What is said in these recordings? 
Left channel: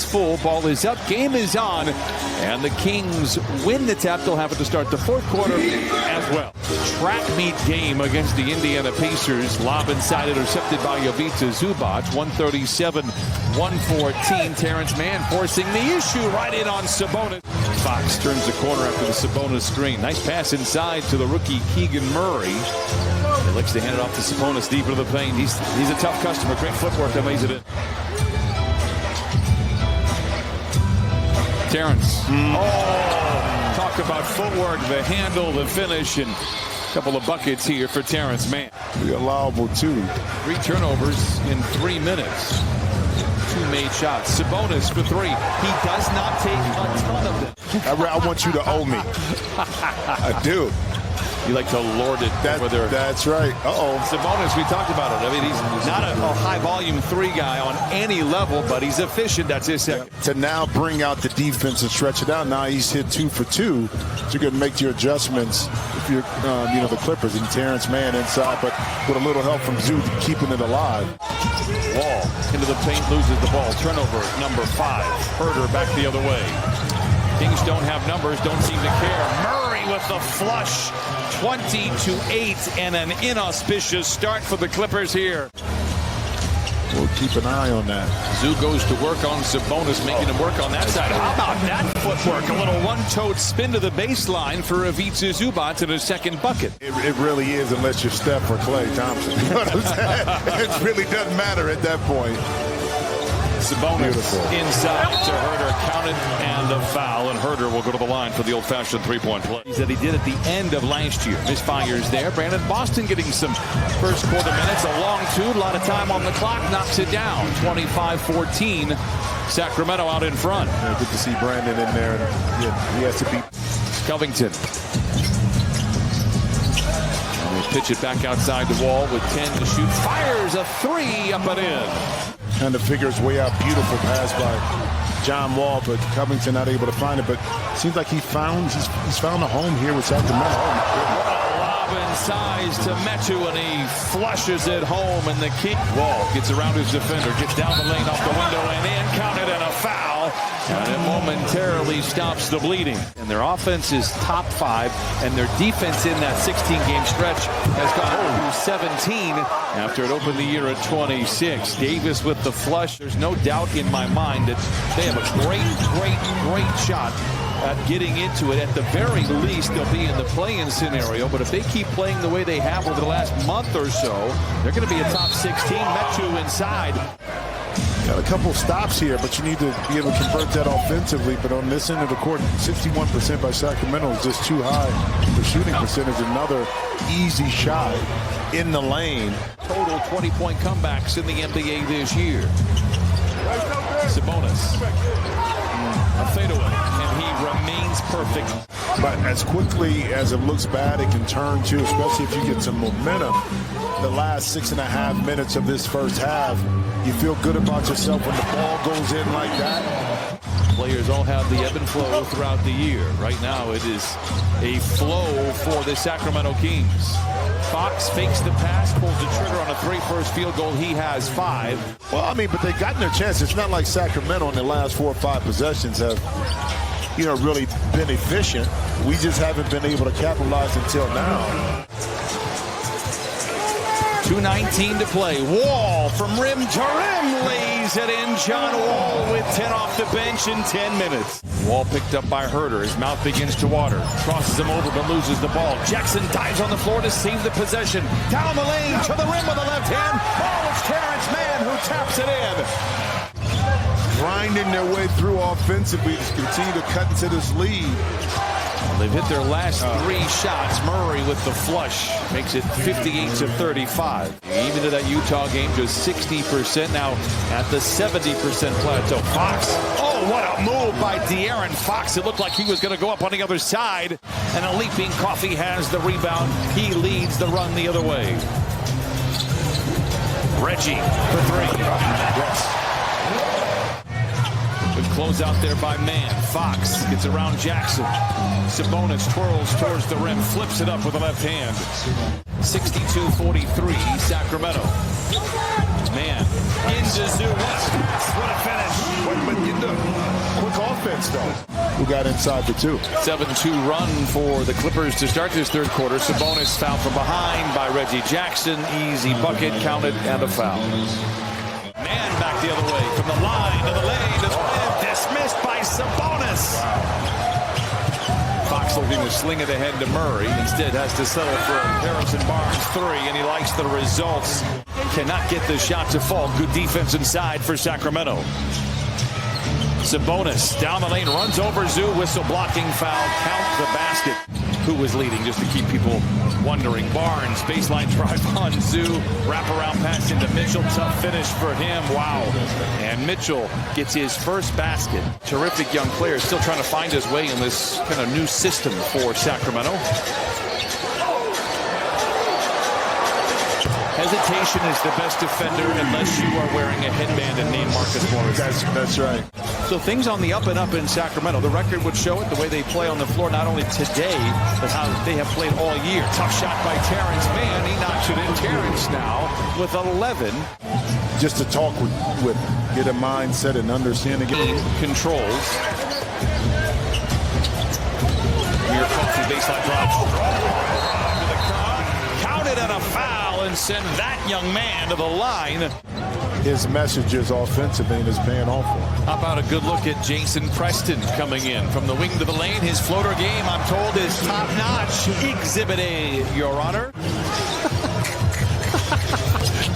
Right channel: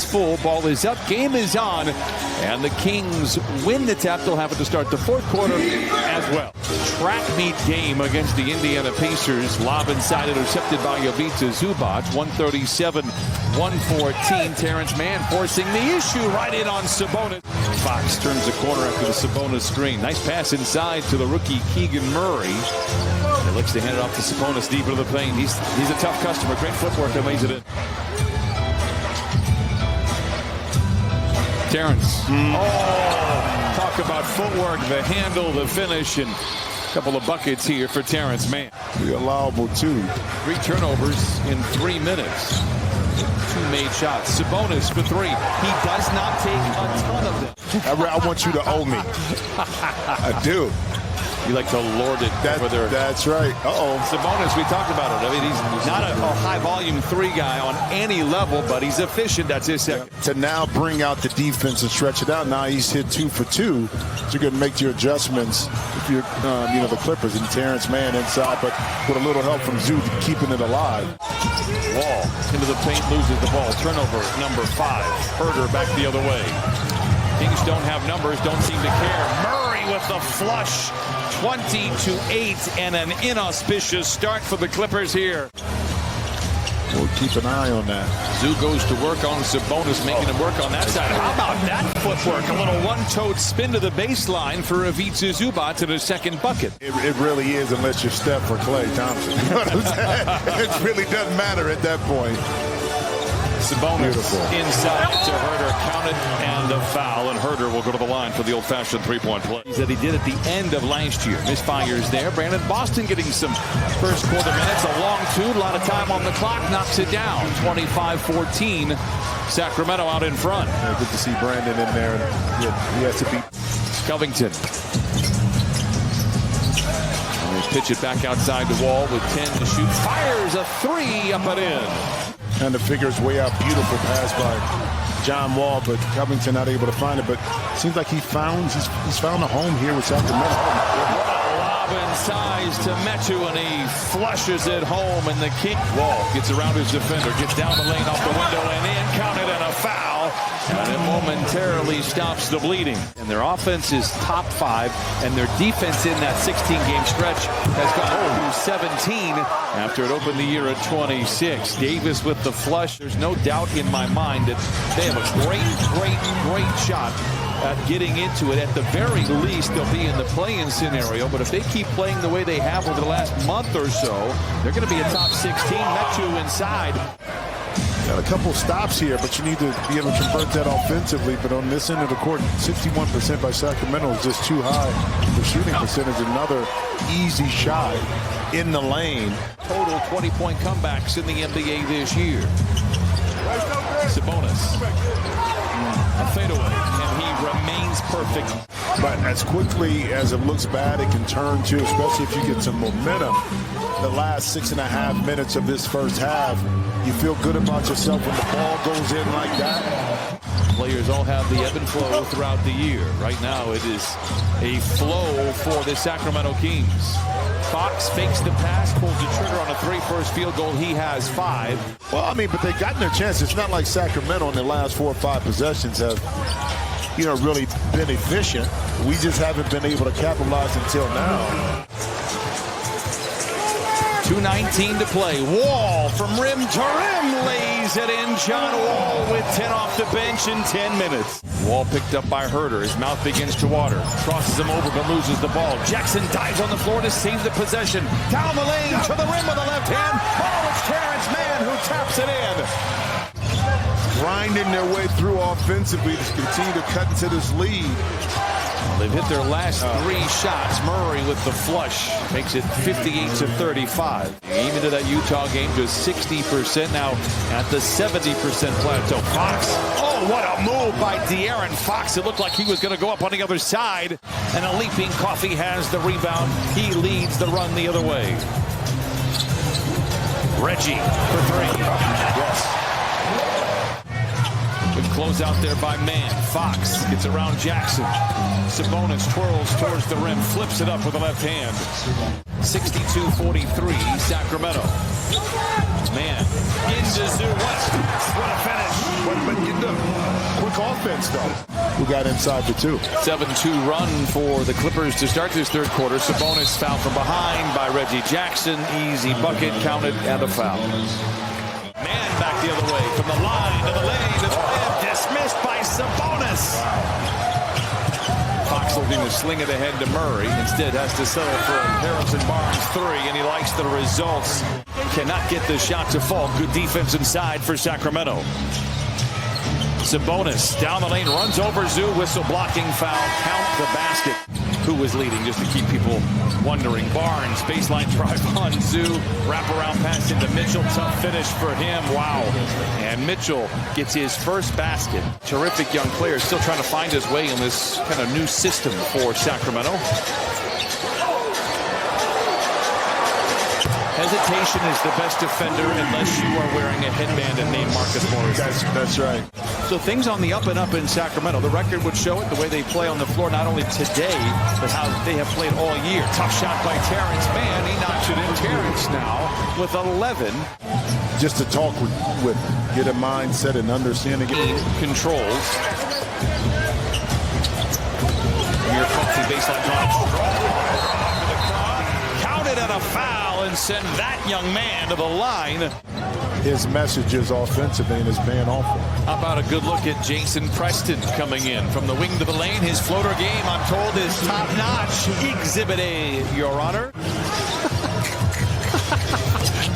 hands full. Ball is up. Game is on. And the Kings win the tap. They'll have it to start the fourth quarter as well. Track meet game against the Indiana Pacers. Lob inside, intercepted by Ivica Zubac. 137-114. Terrence Mann forcing the issue right in on Sabonis. Fox turns the corner after the Sabonis screen. Nice pass inside to the rookie Keegan Murray. He looks to hand it off to Sabonis deep into the paint. He's a tough customer. Great footwork that lays it in. Terrence. Oh, talk about footwork, the handle, the finish, and a couple of buckets here for Terrence Mann. Pretty allowable, too. 3 turnovers in 3 minutes. 2 made shots. Sabonis for 3. He does not take a ton of them. I want you to owe me. I do. You like to lord it over there. That's right. Sabonis, we talked about it. I mean, he's not a high-volume 3 guy on any level, but he's efficient. That's his second. To now bring out the defense and stretch it out. Now he's hit 2 for 2. So you're going to make your adjustments if you're, the Clippers and Terrence Mann inside, but with a little help from Zoo keeping it alive. Wall into the paint, loses the ball. Turnover number 5. Herder back the other way. Kings don't have numbers, don't seem to care. Murray with the flush. 20-8 and an inauspicious start for the Clippers here. We'll keep an eye on that. Zoo goes to work on Sabonis, making him work on that side. How about that footwork? A little one-toed spin to the baseline for Ivica Zubac in his second bucket. It really is, unless you're Steph or Klay Thompson. You know what I'm saying? It really doesn't matter at that point. Sabonis inside to Herder, counted and a foul, and Herder will go to the line for the old-fashioned three-point play that he did at the end of last year. Misfires there. Brandon Boston getting some first quarter minutes, a long 2, a lot of time on the clock, knocks it down. 25-14, Sacramento out in front. Yeah, good to see Brandon in there, and he has to beat Covington. And they pitch it back outside the wall with 10 to shoot. Fires a 3 up and in. Trying to figure his way out. Beautiful pass by John Wall, but Covington not able to find it. But it seems like he's found a home here with Sacramento. What a lob inside to Metu, and he flushes it home. And the King Wall gets around his defender, gets down the lane off the window and in, counted, and a foul. And it momentarily stops the bleeding. And their offense is top 5, and their defense in that 16-game stretch has gone to 17 after it opened the year at 26. Davis with the flush. There's no doubt in my mind that they have a great shot at getting into it. At the very least, they'll be in the play-in scenario. But if they keep playing the way they have over the last month or so, they're going to be a top 16. Metu inside. Got a couple stops here, but you need to be able to convert that offensively. But on this end of the court, 61% by Sacramento is just too high for shooting percentage. Another easy shot in the lane. Total 20-point comebacks in the NBA this year. Sabonis. A fadeaway, and he remains perfect. But as quickly as it looks bad, it can turn too, especially if you get some momentum. The last 6.5 minutes of this first half, you feel good about yourself when the ball goes in like that. Players all have the ebb and flow throughout the year. Right now, it is a flow for the Sacramento Kings. Fox fakes the pass, pulls the trigger on a 3 first field goal. He has 5. Well, I mean, but they've gotten their chance. It's not like Sacramento in the last 4 or 5 possessions have, really been efficient. We just haven't been able to capitalize until now. 2:19 to play. Wall from rim to rim, lays it in. John Wall with 10 off the bench in 10 minutes. Wall picked up by Herder. His mouth begins to water. Crosses him over but loses the ball. Jackson dives on the floor to save the possession. Down the lane to the rim with the left hand. Oh, it's Terrence Mann who taps it in. Grinding their way through offensively to continue to cut into this lead. Well, they've hit their last 3 shots. Murray with the flush makes it 58-35. Even to that Utah game, just 60% now at the 70% plateau. Fox, oh, what a move by De'Aaron Fox. It looked like he was going to go up on the other side. And a leaping Coffey has the rebound. He leads the run the other way. Reggie for 3. Yes. Good close out there by Mann. Fox gets around Jackson. Sabonis twirls towards the rim, flips it up with the left hand. 62-43, Sacramento. Man, into Zoo. What a pass. What a finish. But you know, quick offense, though. Who got inside for two? 7-2 run for the Clippers to start this third quarter. Sabonis fouled from behind by Reggie Jackson. Easy bucket, counted, and a foul. Man back the other way from the line to the lane to the rim. Dismissed by Sabonis. Wow. Fox looking to sling it ahead to Murray. Instead has to settle for a Harrison Barnes three, and he likes the results. Cannot get the shot to fall. Good defense inside for Sacramento. Sabonis down the lane, runs over Zoo. Whistle blocking foul. Count the basket. Who was leading, just to keep people wondering. Barnes, baseline drive on Zoo. Wraparound pass into Mitchell. Tough finish for him. Wow. And Mitchell gets his first basket. Terrific young player, still trying to find his way in this kind of new system for Sacramento. Hesitation is the best defender unless you are wearing a headband and named Marcus Morris. That's right. So things on the up and up in Sacramento. The record would show it, the way they play on the floor, not only today, but how they have played all year. Tough shot by Terrence Mann. He knocks it in. Terrence now with 11. Just to talk with him, get a mindset and understanding. Controls. Amir Coffey baseline drive. To the car. Counted and a foul, and send that young man to the line. His messages offensively and is paying off for him. How about a good look at Jason Preston coming in from the wing to the lane? His floater game, I'm told, is top-notch. Exhibit A, Your Honor.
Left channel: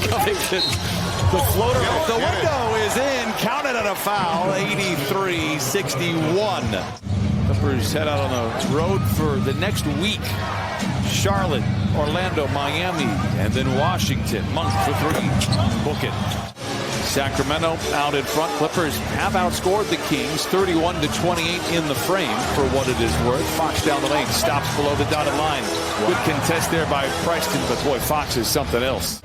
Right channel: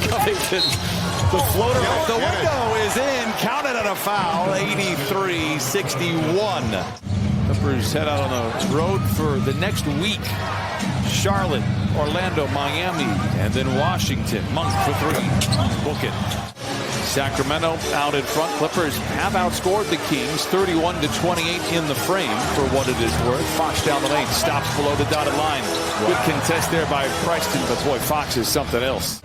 Covington, the floater off the window is in. Counted and a foul, 83-61. Clippers head out on the road for the next week. Charlotte, Orlando, Miami, and then Washington. Monk for three. Book it. Sacramento out in front. Clippers have outscored the Kings 31-28 in the frame for what it is worth. Fox down the lane, stops below the dotted line. Wow. Good contest there by Preston, but boy, Fox is something else.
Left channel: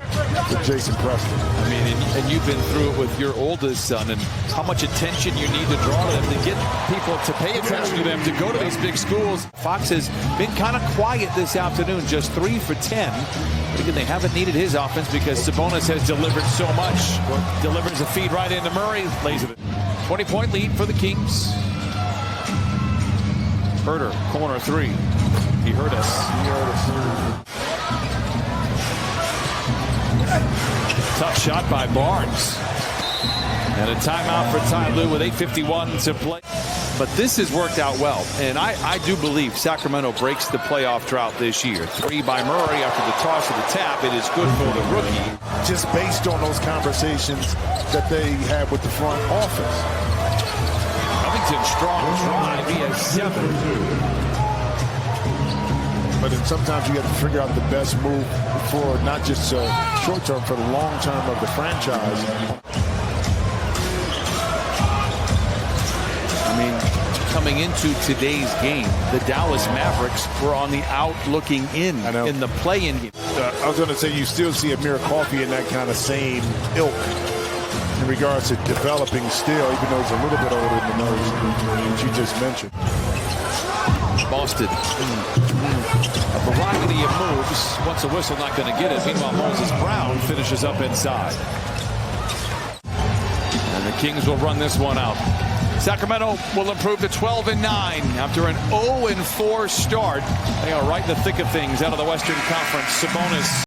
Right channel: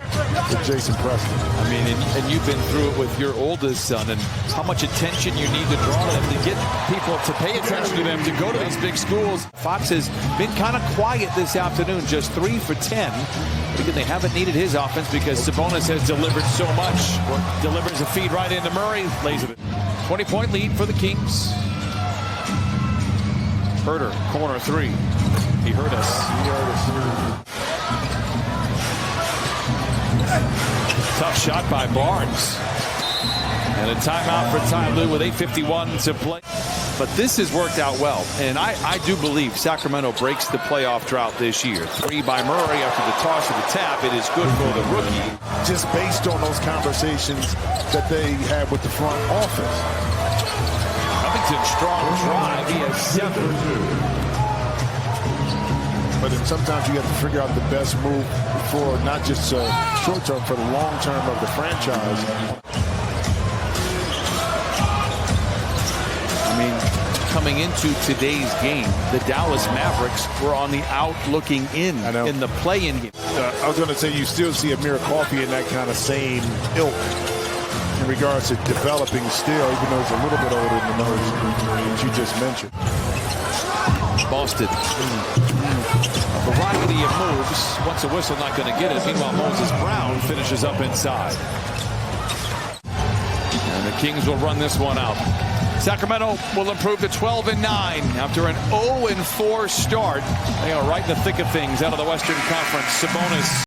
With Jason Preston. I mean, and you've been through it with your oldest son, and how much attention you need to draw to them to get people to pay attention to them, to go to these big schools. Fox has been kind of quiet this afternoon, just 3 for 10. But again, they haven't needed his offense because Sabonis has delivered so much. Delivers a feed right into Murray, lays it. 20-point lead for the Kings. Herter, corner three. He heard us. Tough shot by Barnes. And a timeout for Ty Lue with 8:51 to play. But this has worked out well. And I do believe Sacramento breaks the playoff drought this year. 3 by Murray after the toss of the tap. It is good for the rookie. Just based on those conversations that they had with the front office. Covington, strong drive. He has 7. But then sometimes you have to figure out the best move for not just short term, for the long term of the franchise. I mean, coming into today's game, the Dallas Mavericks were on the out looking in the play-in game. I was going to say you still see Amir Coffey in that kind of same ilk in regards to developing still, even though he's a little bit older than those that you just mentioned. Boston. A variety of moves. Once a whistle, not going to get it. Meanwhile, Moses Brown finishes up inside. And the Kings will run this one out. Sacramento will improve to 12-9 after an 0-4 start. They are right in the thick of things out of the Western Conference. Sabonis